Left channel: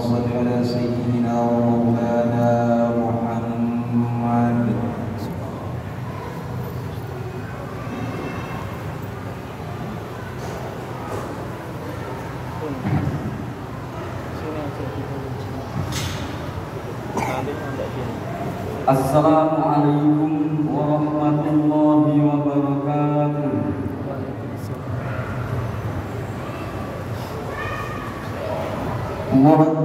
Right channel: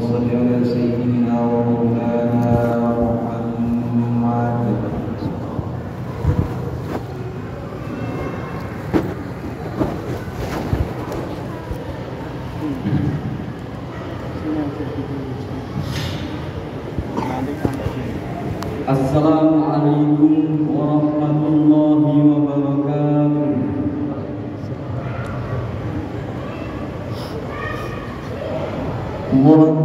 صل على سيدنا ومولانا محمد. Assalamualaikum warahmatullahi wabarakatuh. Allahu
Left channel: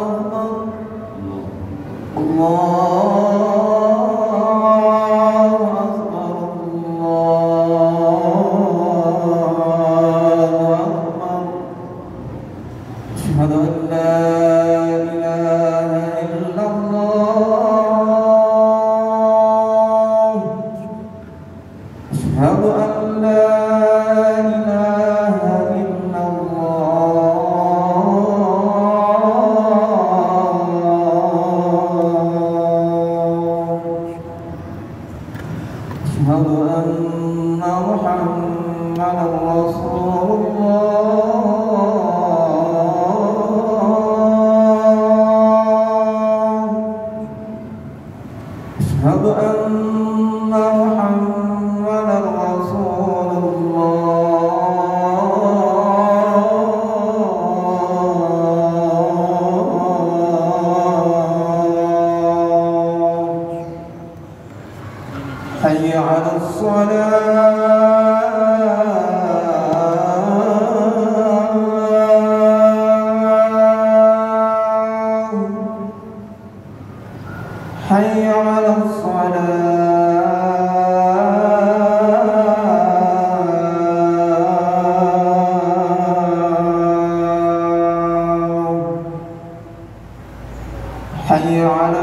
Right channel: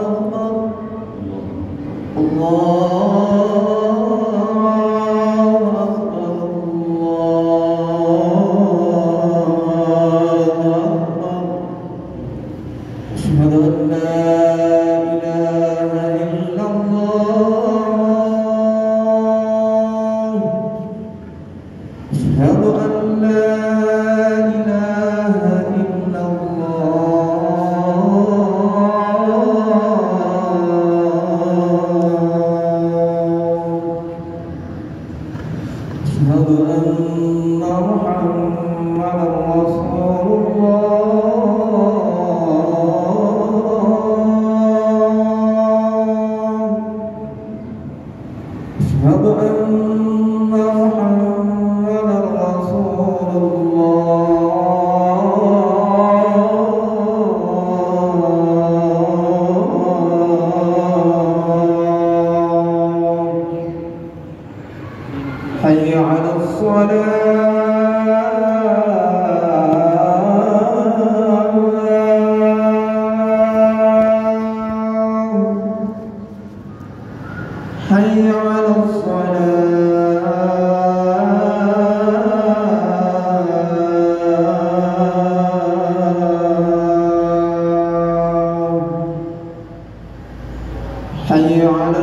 Akbar, Allahu Akbar, Allahu Akbar. Asyhadu an la ilaha illallah. Asyhadu an la ilaha أشهد أن محمدا رسول الله. أشهد أن محمدا رسول الله. حي على الصلاة، حي على الصلاة، حي على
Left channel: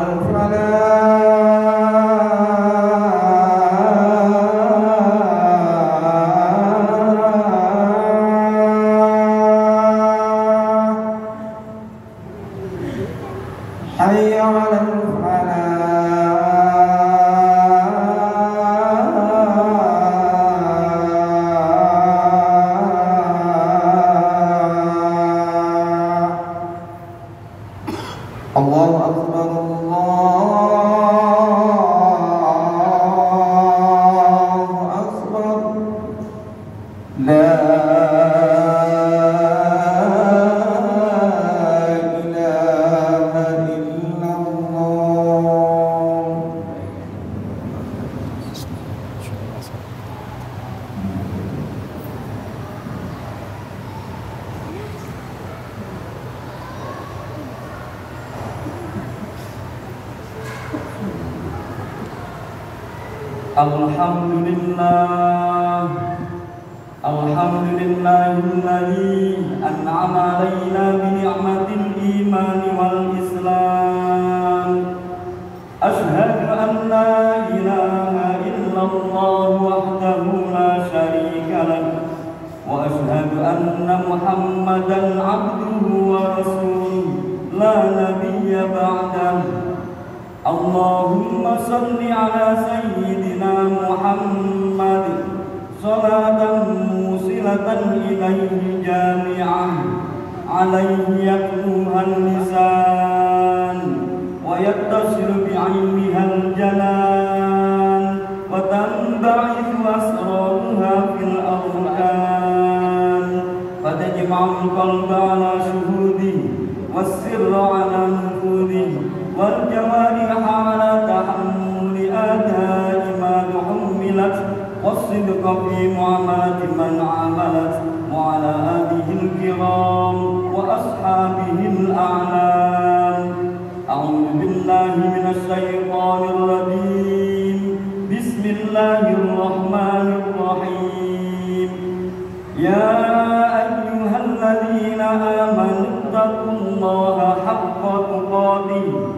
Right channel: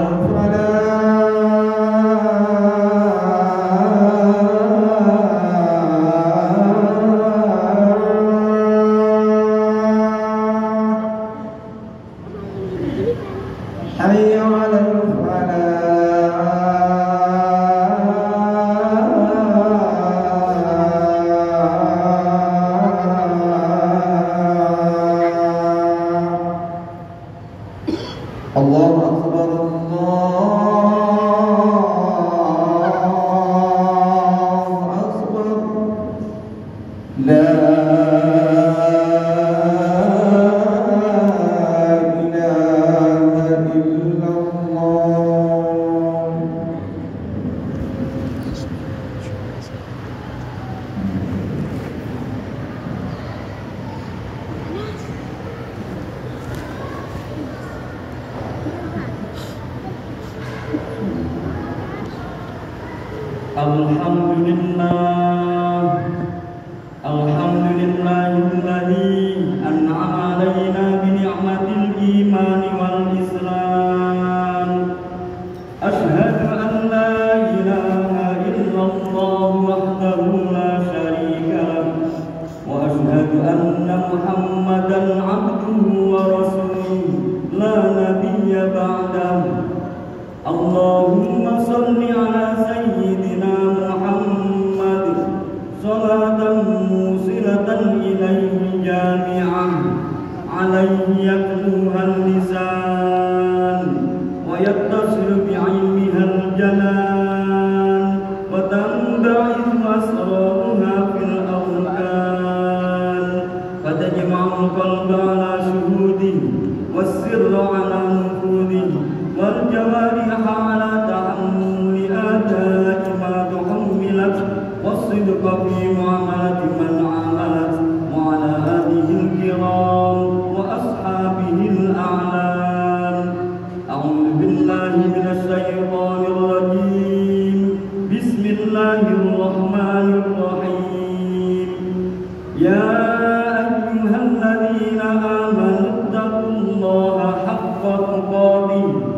حي على الفلاح. الله أكبر، الله أكبر. لا Alhamdulillah, alhamdulillahilladzi an'ama alaina bi ni'matil iman wal islam. Asyhadu an la ilaha illallah wahdahu la syarika lahu wa asyhadu anna Muhammadan 'abduhu wa rasuluhu la nabiyya ba'dahu. Allahumma shalli ala sayyidina Muhammad salatan musilatan ilaihi jami'an alaihi yaktuhan lisan wa yattasilu bi'ilmihal janan wa tanba'ithu asraruha fil arkan fatajma'ul qalba ala syuhudi wassirra ala nufudi wal jawariha ala tahammuli adai ma tuhmilat wassidqa fi mu'amati man amalat wa ala alihi al-kiram wa ashabihi al-a'lam. A'udzu billahi minasy syaithanir rajim. Bismillahirrahmanirrahim. Ya ayyuhalladzina amanu taqullaha haqqa tuqatih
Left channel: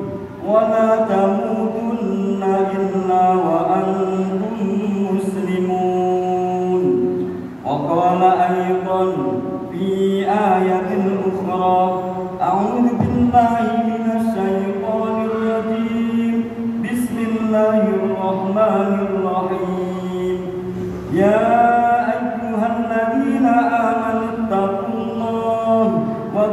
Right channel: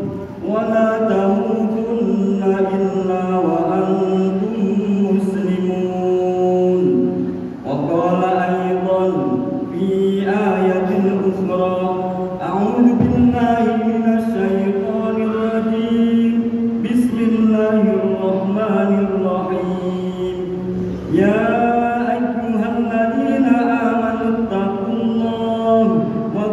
wa la tamutunna illa wa antum muslimun. Wa qala aydan fi ayatin ukhra a'udzu billahi minasy syaithanir rajim. Bismillahirrahmanirrahim. Ya ayyuhalladzina amanu taqullaha wa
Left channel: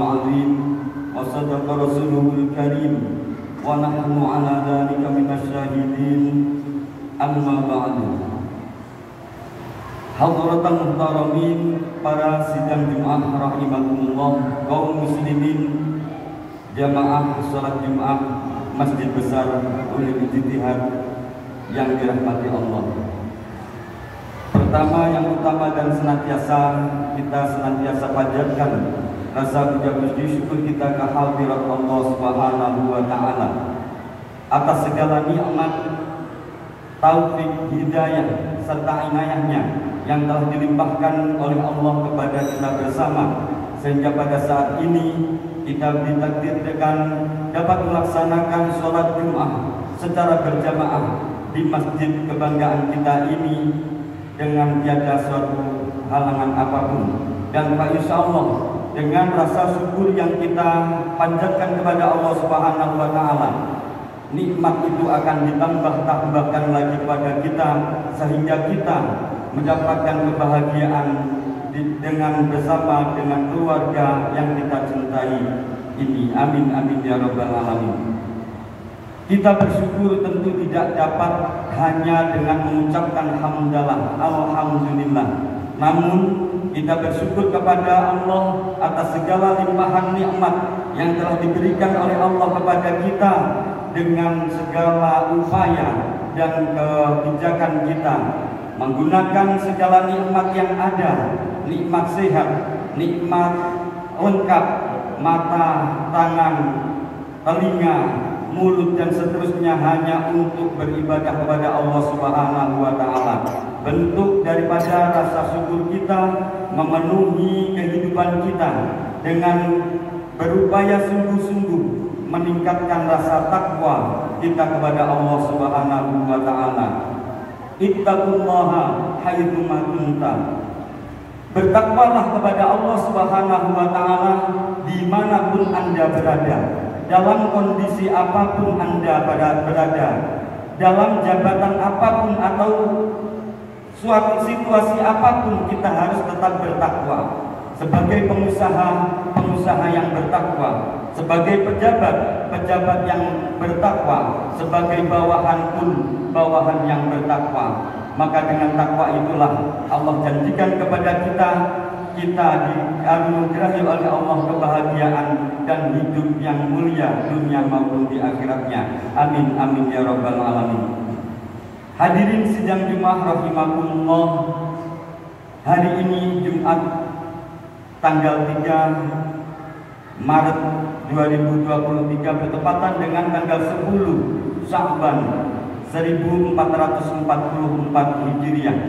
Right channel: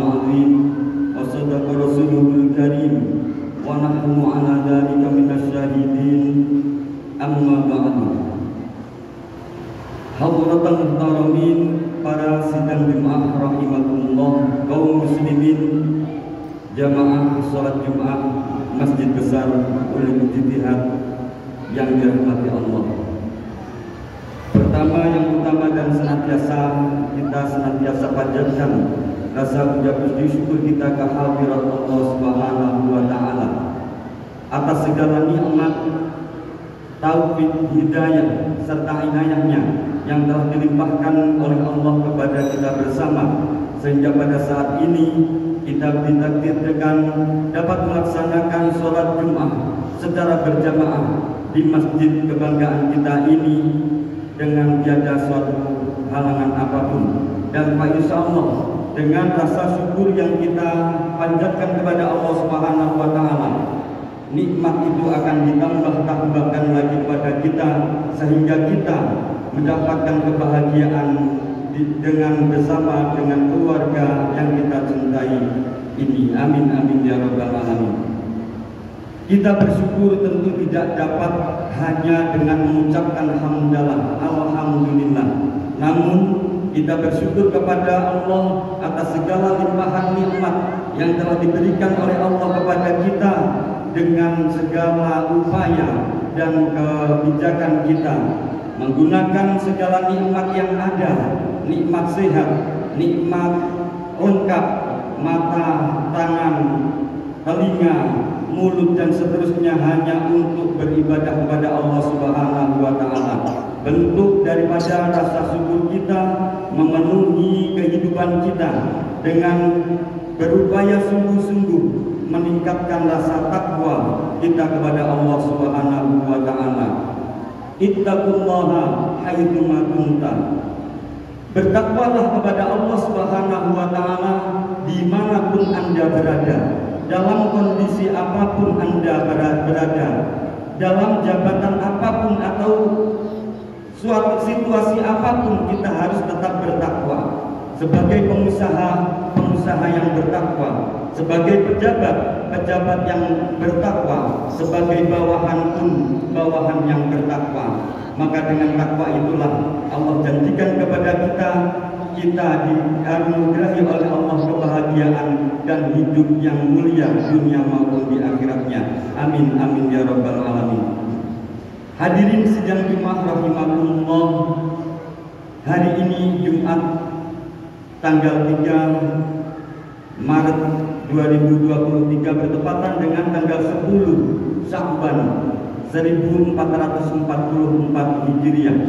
العظيم وصدق رسوله الكريم ونحن على ذلك من الشاهدين أما بعد. Hadratan muhtaramin, para sidang Jumat rahimakumullah, kaum muslimin jamaah salat Jumat Masjid Besar Ulil Ijtihad yang dirahmati Allah. Pertama, yang utama dan kita senantiasa panjatkan rasa puji syukur kita ke hadirat Allah Subhanahu wa taala atas segala nikmat, taufik, hidayah serta inayahnya yang telah dilimpahkan oleh Allah kepada kita bersama, sehingga pada saat ini kita ditakdirkan dapat melaksanakan sholat Jumat secara berjamaah di masjid kebanggaan kita ini dengan tiada suatu halangan apapun. Dan insya Allah dengan rasa syukur yang kita panjatkan kepada Allah Subhanahu wa taala, nikmat itu akan ditambahkan lagi pada kita sehingga kita mendapatkan kebahagiaan dengan bersama dengan keluarga yang kita cintai ini. Amin amin ya rabbal alamin. Kita bersyukur tentu tidak dapat hanya dengan mengucapkan hamdalah, alhamdulillah. Namun kita bersyukur kepada Allah atas segala limpahan nikmat yang telah diberikan oleh Allah kepada kita dengan segala upaya dan kebijakan kita, menggunakan segala nikmat yang ada, nikmat sehat, nikmat lengkap, mata, tangan, telinga, mulut dan seterusnya hanya untuk beribadah kepada Allah Subhanahu wa taala. Bentuk daripada rasa syukur kita memenuhi kehidupan kita dengan berupaya sungguh-sungguh meningkatkan rasa takwa kita kepada Allah Subhanahu wa taala. Ittaqullaha haitsu ma kunta. Bertakwalah kepada Allah Subhanahu wa taala dimanapun Anda berada, dalam kondisi apapun Anda berada, dalam jabatan apapun atau suatu situasi apapun, kita harus tetap bertakwa. Sebagai pengusaha yang bertakwa, sebagai pejabat yang bertakwa, sebagai bawahan pun bawahan yang bertakwa. Maka dengan takwa itulah Allah janjikan kepada kita dianugerahi oleh Allah kebahagiaan dan hidup yang mulia dunia maupun di akhiratnya. Amin amin ya rabbal alamin. Hadirin sidang Jumat rahimakumullah, hari ini Jumat tanggal 3 Maret 2023 bertepatan dengan tanggal 10 Sya'ban 1444 Hijriah.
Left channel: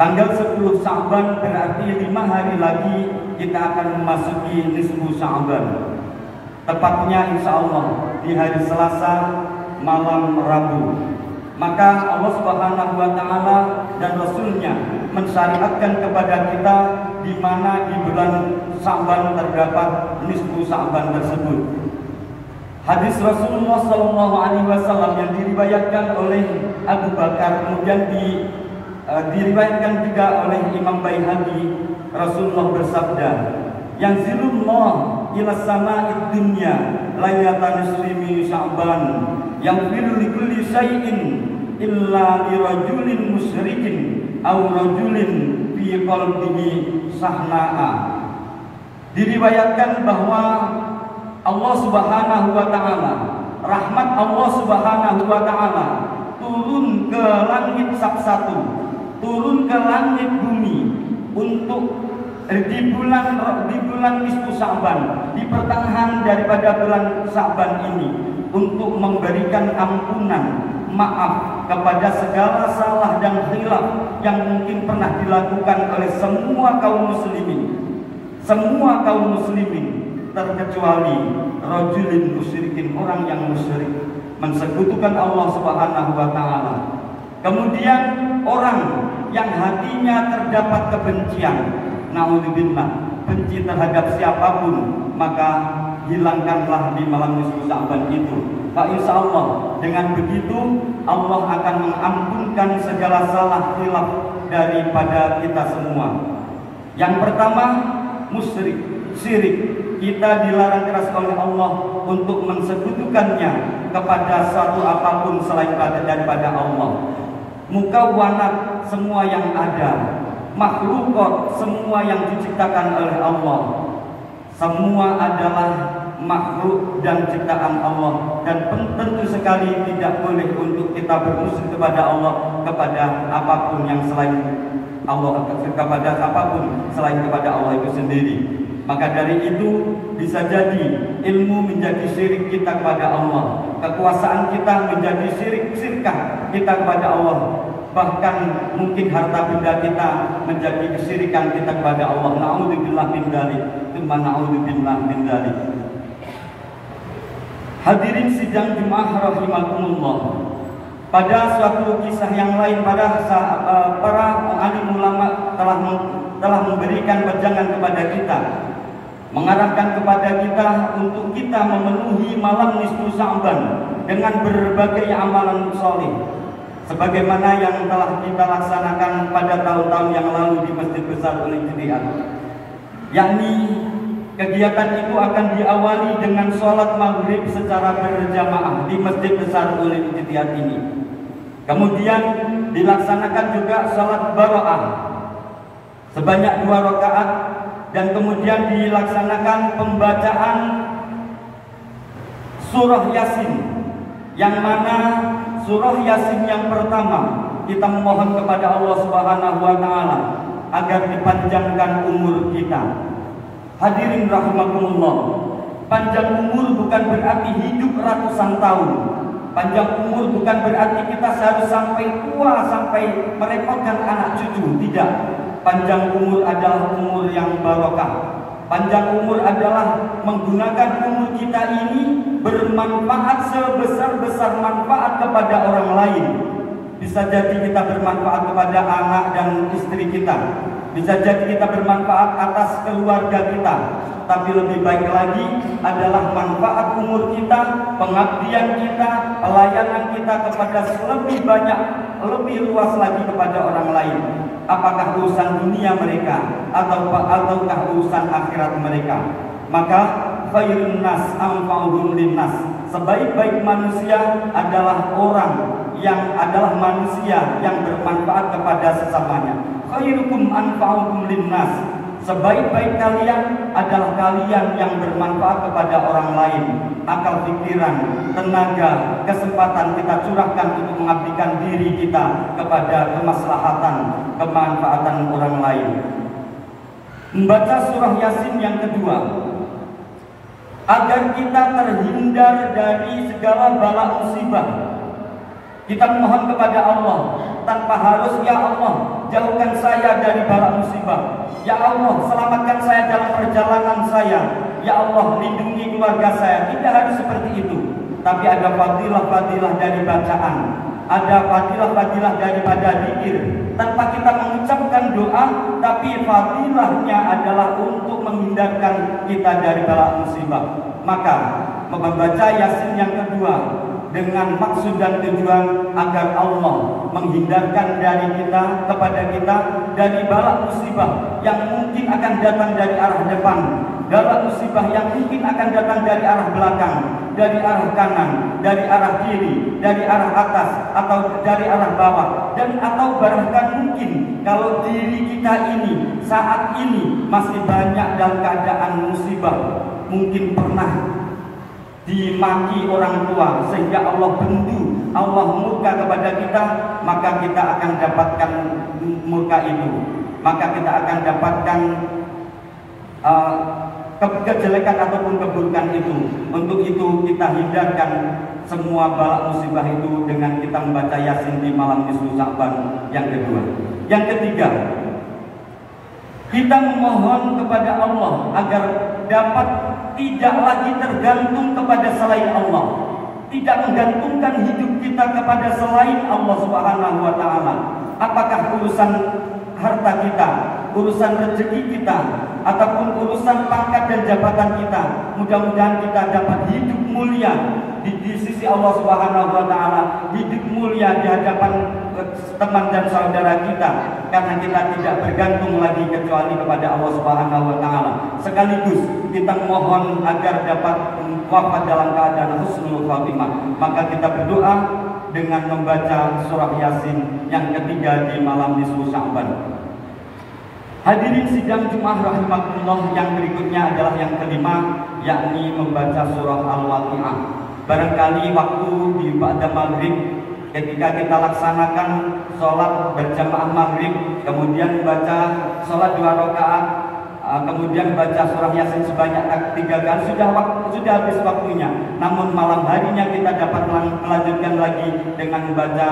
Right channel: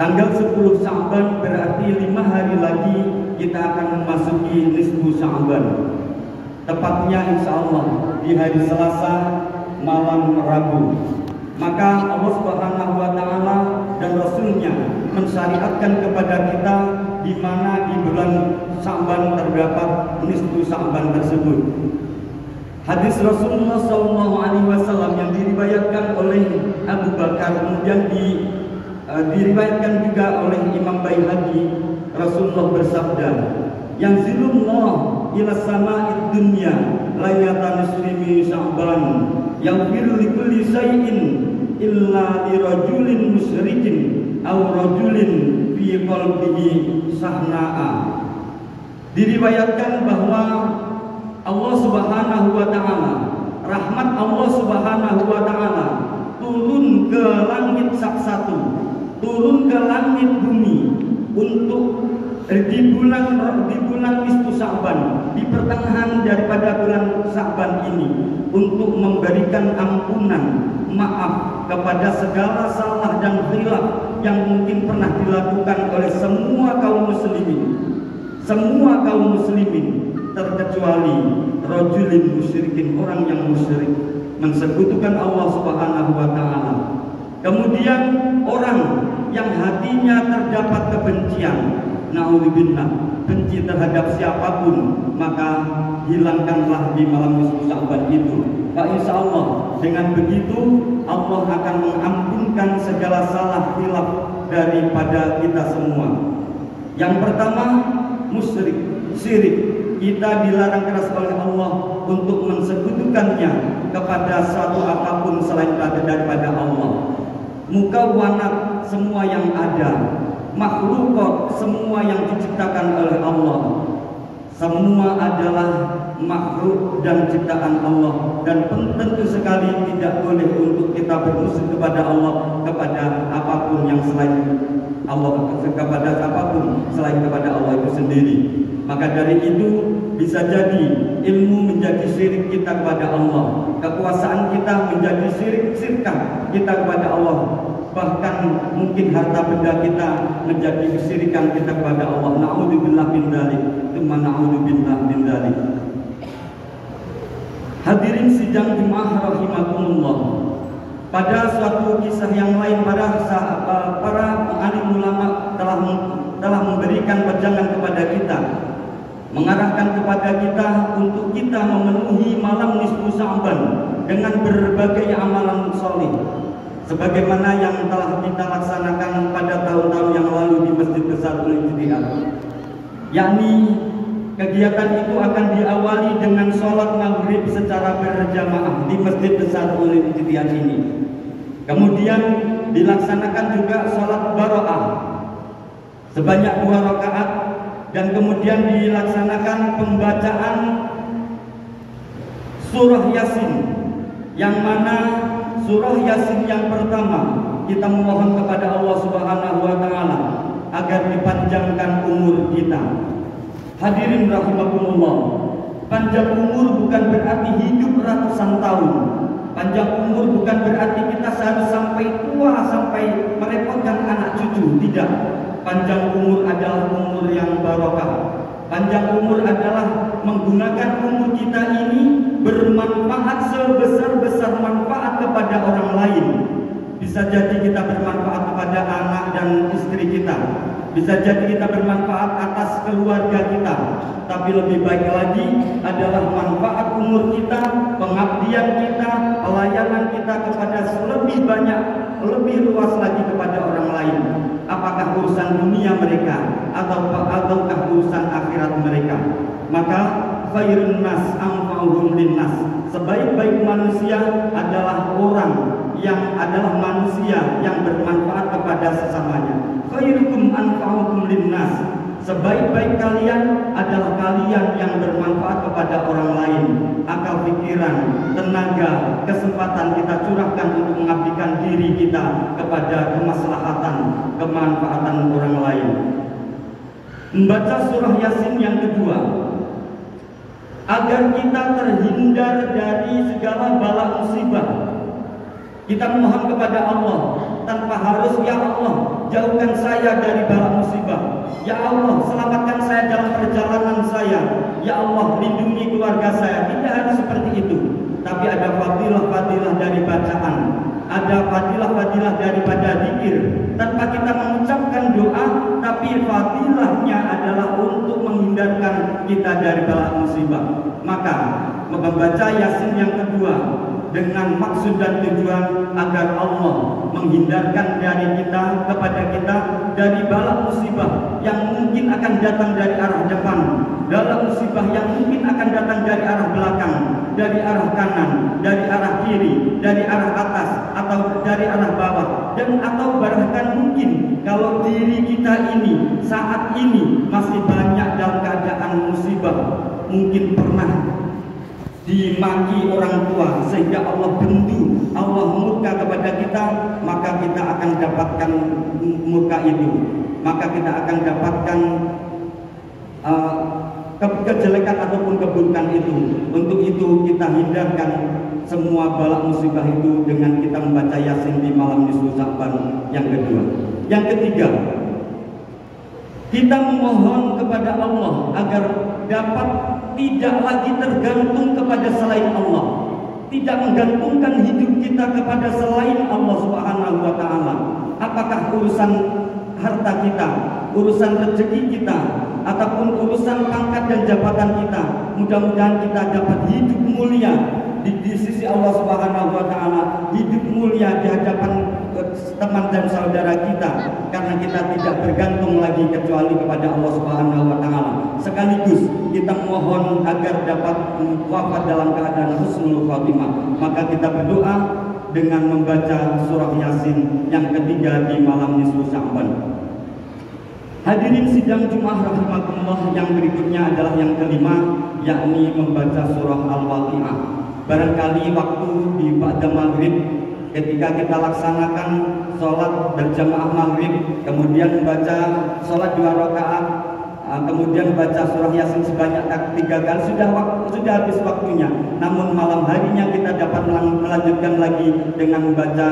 Tanggal 10 Sya'ban berarti 5 hari lagi kita akan memasuki nisfu Sya'ban. Tepatnya insya Allah di hari Selasa malam Rabu. Maka Allah Subhanahu wa taala dan Rasulnya mensyariatkan kepada kita di mana di bulan Sya'ban terdapat nisfu Sya'ban tersebut. Hadis Rasulullah SAW yang diriwayatkan oleh Abu Bakar, kemudian diriwayatkan juga oleh Imam Baihaqi, Rasulullah bersabda, yang zilullah ila sama'id dunya laylatan muslimi Sya'ban yang firli kulli syai'in illa li rajulin musyrikin aw rajulin fi qalbihi sahna'a. Diriwayatkan bahwa Allah Subhanahu wa taala, rahmat Allah Subhanahu wa taala turun ke langit satu, turun ke langit bumi untuk di bulan nisfu Sya'ban, di pertengahan daripada bulan Sya'ban ini, untuk memberikan ampunan, maaf kepada segala salah dan khilaf yang mungkin pernah dilakukan oleh semua kaum muslimin, terkecuali rajulin musyrikin, orang yang musyrik, mensekutukan Allah Subhanahu wa taala. Kemudian orang yang hatinya terdapat kebencian, naudzubillah, benci terhadap siapapun, maka hilangkanlah di malam nisfu Sya'ban itu. Pak, insya Allah dengan begitu Allah akan mengampunkan segala salah khilaf daripada kita semua. Yang pertama, musyrik. syirik. Kita dilarang keras oleh Allah untuk mensekutukannya kepada suatu apapun selain daripada Allah. Mukawanat, semua yang ada, makhluk semua yang diciptakan oleh Allah, semua adalah makhluk dan ciptaan Allah, dan tentu sekali tidak boleh untuk kita bermusuh kepada Allah, kepada apapun yang selain Allah, kepada apapun selain kepada Allah itu sendiri. Maka dari itu bisa jadi ilmu menjadi syirik kita kepada Allah, kekuasaan kita menjadi syirik-syirkah kita kepada Allah, bahkan mungkin harta benda kita menjadi kesyirikan kita kepada Allah. Na'udzubillah min dzalik, tsumma na'udzubillah min dzalik. Hadirin sidang jemaah rahimakumullah. Pada suatu kisah yang lain, para alim ulama telah memberikan wejangan kepada kita, mengarahkan kepada kita untuk kita memenuhi malam nisfu Sya'ban dengan berbagai amalan soleh, sebagaimana yang telah kita laksanakan pada tahun-tahun yang lalu di Masjid Besar Al-Ijtihad. Yakni kegiatan itu akan diawali dengan sholat maghrib secara berjamaah di Masjid Besar Al-Ijtihad ini. Kemudian dilaksanakan juga sholat baro'ah sebanyak 2 rakaat, dan kemudian dilaksanakan pembacaan surah Yasin, yang mana surah Yasin yang pertama kita memohon kepada Allah Subhanahu wa taala agar dipanjangkan umur kita. Hadirin rahimakumullah, panjang umur bukan berarti hidup ratusan tahun. Panjang umur bukan berarti kita harus sampai tua, sampai merepotkan anak cucu. Tidak. Panjang umur adalah umur yang barokah. Panjang umur adalah menggunakan umur kita ini bermanfaat sebesar-besar manfaat kepada orang lain. Bisa jadi kita bermanfaat kepada anak dan istri kita, bisa jadi kita bermanfaat atas keluarga kita, tapi lebih baik lagi adalah manfaat umur kita, pengabdian kita, pelayanan kita kepada lebih banyak, lebih luas lagi kepada orang lain. Apakah urusan dunia mereka ataukah urusan akhirat mereka? Maka khairun nas anfa'uhum linnas. Sebaik-baik manusia adalah manusia yang bermanfaat kepada sesamanya. Khairukum anfa'ukum linnas. Sebaik-baik kalian adalah kalian yang bermanfaat kepada orang lain. Akal pikiran, tenaga, kesempatan kita curahkan untuk mengabdikan diri kita kepada kemaslahatan, kemanfaatan orang lain. Membaca surah Yasin yang kedua, agar kita terhindar dari segala bala musibah. Kita memohon kepada Allah tanpa harus, ya Allah, jauhkan saya dari bala musibah. Ya Allah, selamatkan saya dalam perjalanan saya. Ya Allah, lindungi keluarga saya. Tidak harus seperti itu. Tapi ada fadilah-fadilah dari bacaan, ada fadilah-fadilah daripada zikir. Tanpa kita mengucapkan doa, tapi fadilahnya adalah untuk menghindarkan kita dari bala musibah. Maka membaca Yasin yang kedua dengan maksud dan tujuan agar Allah menghindarkan dari kita, kepada kita, dari bala musibah yang mungkin akan datang dari arah depan, bala musibah yang mungkin akan datang dari arah belakang, dari arah kanan, dari arah kiri, dari arah atas, atau dari arah bawah, dan atau bahkan mungkin kalau diri kita ini saat ini masih banyak dalam keadaan musibah, mungkin pernah dimaki orang tua sehingga Allah bendu, Allah murka kepada kita, maka kita akan dapatkan murka itu, maka kita akan dapatkan kejelekan ataupun keburukan itu. Untuk itu kita hindarkan semua bala musibah itu dengan kita membaca Yasin di malam nisfu Sya'ban yang kedua. Yang ketiga, kita memohon kepada Allah agar dapat tidak lagi tergantung kepada selain Allah, tidak menggantungkan hidup kita kepada selain Allah Subhanahu wa taala. Apakah urusan harta kita, urusan rezeki kita, ataupun urusan pangkat dan jabatan kita, mudah-mudahan kita dapat hidup mulia di sisi Allah Subhanahu wa taala, hidup mulia di hadapan teman dan saudara kita, karena kita tidak bergantung lagi kecuali kepada Allah Subhanahu wa taala. Sekaligus kita mohon agar dapat wafat dalam keadaan husnul khatimah. Maka kita berdoa dengan membaca surah Yasin yang ketiga di malam nisfu Sya'ban. Hadirin sidang Jumat rahimakumullah, yang berikutnya adalah yang kelima, yakni membaca surah Al-Waqiah. Barangkali waktu di ba'da maghrib ketika kita laksanakan sholat berjamaah maghrib, kemudian membaca sholat 2 rakaat, kemudian baca surah Yasin sebanyak 3 kali, sudah habis waktunya. Namun malam harinya kita dapat melanjutkan lagi dengan membaca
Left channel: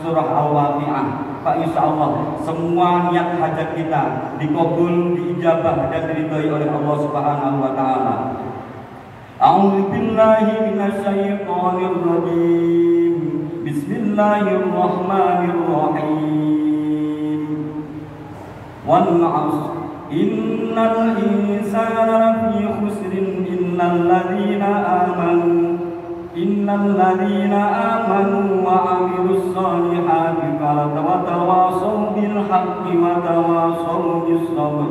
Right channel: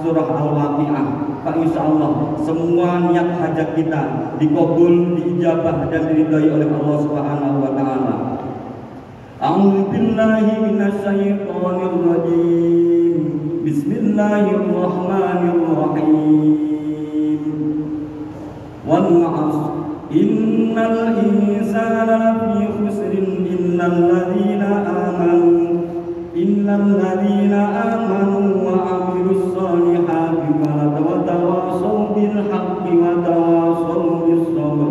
surah Al-Waqiah. Pak, insya Allah semua niat hajat kita dikabul, diijabah dan diridhai oleh Allah Subhanahu wa taala. A'udzu billahi minasyaitonir rajim. Bismillahirrahmanirrahim. Wal 'ashr innal insana lafi khusrin innal ladzina amanu wa 'amilus solihati wa tawassaw bil haqqi wa tawassaw bis sabr.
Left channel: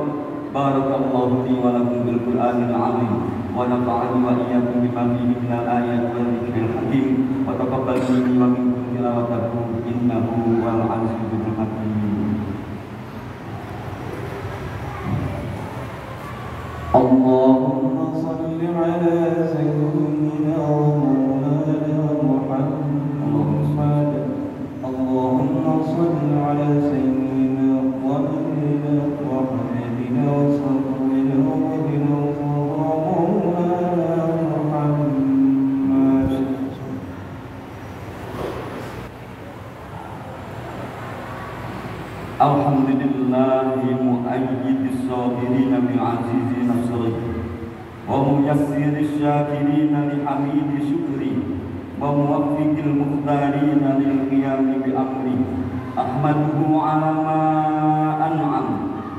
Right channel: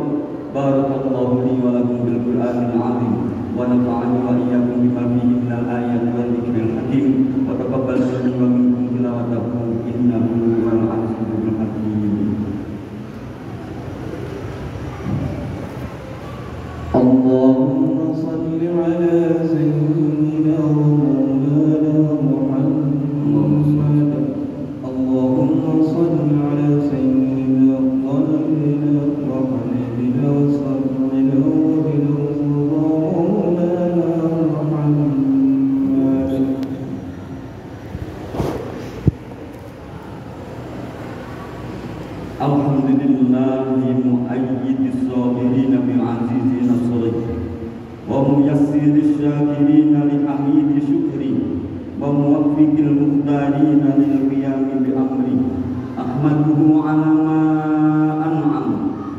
Barakallahu li wa lakum bil Qur'anil 'azim wa nafa'ani wa iyyakum bima fihi minal ayati wal dzikril hakim wa taqabbal minna wa minkum tilawatahu innahu wal 'azizul hakim. Allahumma shalli 'ala sayyidina Alhamdulillahi mu'ayyidis sabirina bi 'azizi nasri wa muyassiris syakirina li hamidi syukri wa muwaffiqil muqtarina lil qiyami bi amri. Ahmaduhu 'ala ma an'am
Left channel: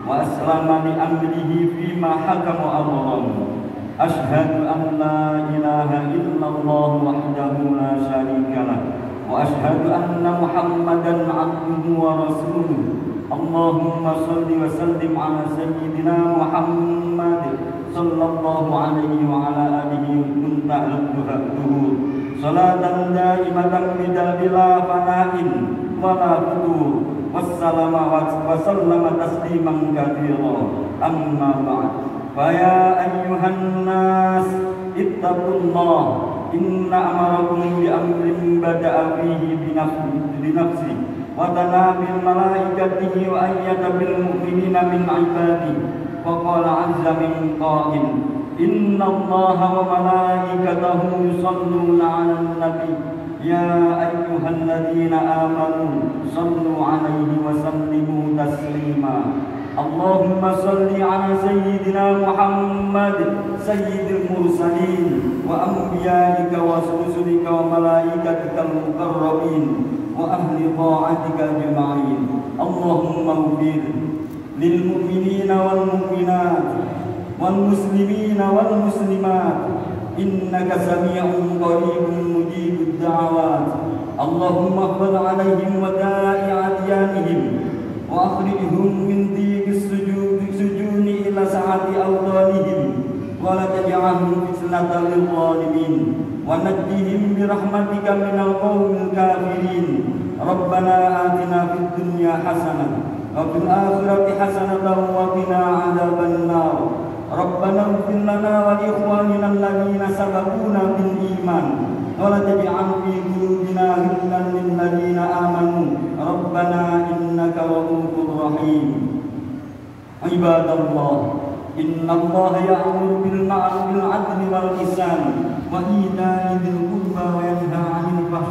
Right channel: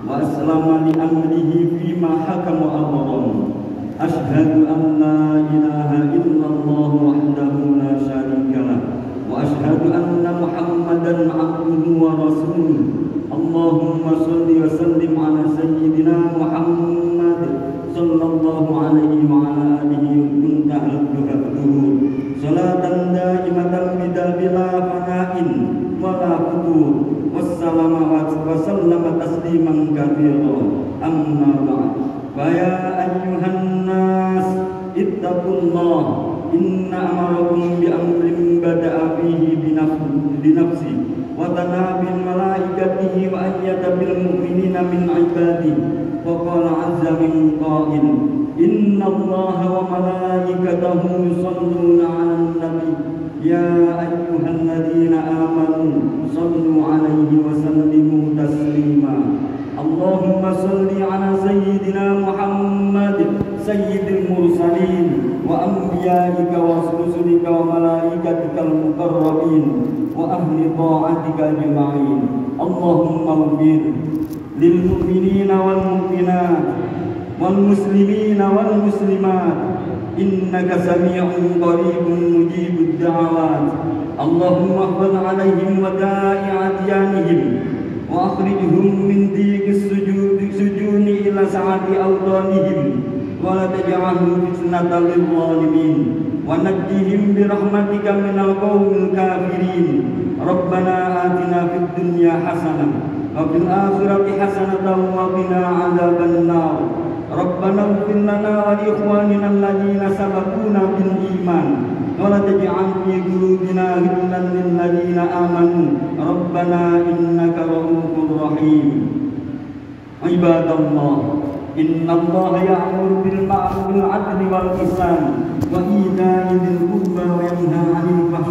wa aslama li amrihi fima hakama amran. Ashhadu an la ilaha illallah wahdahu la syarika lah wa ashhadu anna Muhammadan 'abduhu wa rasuluh. Allahumma salli wa sallim ala sayyidina Muhammad sallallahu alaihi wa ala alihi muntahal duhur salatan daimatan bidabila fana'in wala futur wassalama wa sallama tasliman katsira. Amma ba'd, fa ya ayyuhan nas ittaqullah inna amarakum bi amrin bada'a fihi bi nafsi wa tana bil malaikatihi wa ayyada bil mu'minina min ibadihi wa qala azza min qa'il inna allaha wa malaikatahu yusalluna 'alan nabi ya ayyuhalladzina amanu sallu 'alaihi wa sallimu taslima. Allahumma salli 'ala sayyidina Muhammad sayyidil mursalin wa anbiya'ika wa rusulika wa malaikatikal muqarrabin wa ahli ta'atika ajma'in. Allahumma ighfir lil mu'minina wal mu'minat wal muslimina wal muslimat innaka sami'un qaribun mujibud da'awat. Allahumma ighfir 'alaihim wa da'i adyanihim wa akhrijhum min dhiqis sujuni ila sa'ati awtanihim wa la taj'alhum fitnatan lil zalimin wa najjihim bi rahmatika minal qawmil kafirin. Rabbana atina fid dunya hasanah wa fil akhirati hasanatan wa qina adzaban nar. Rabbana ighfir lana wa li ikhwanina alladhina sabaquna bil iman wa la taj'al fi qulubina ghillan lil ladzina amanu Rabbana innaka ra'ufur rahim. Ibadallah, innallaha ya'muru bil ma'ruf wal 'adli wal ihsan wa ita'i dzil qurba wa yanha 'anil fahsya'i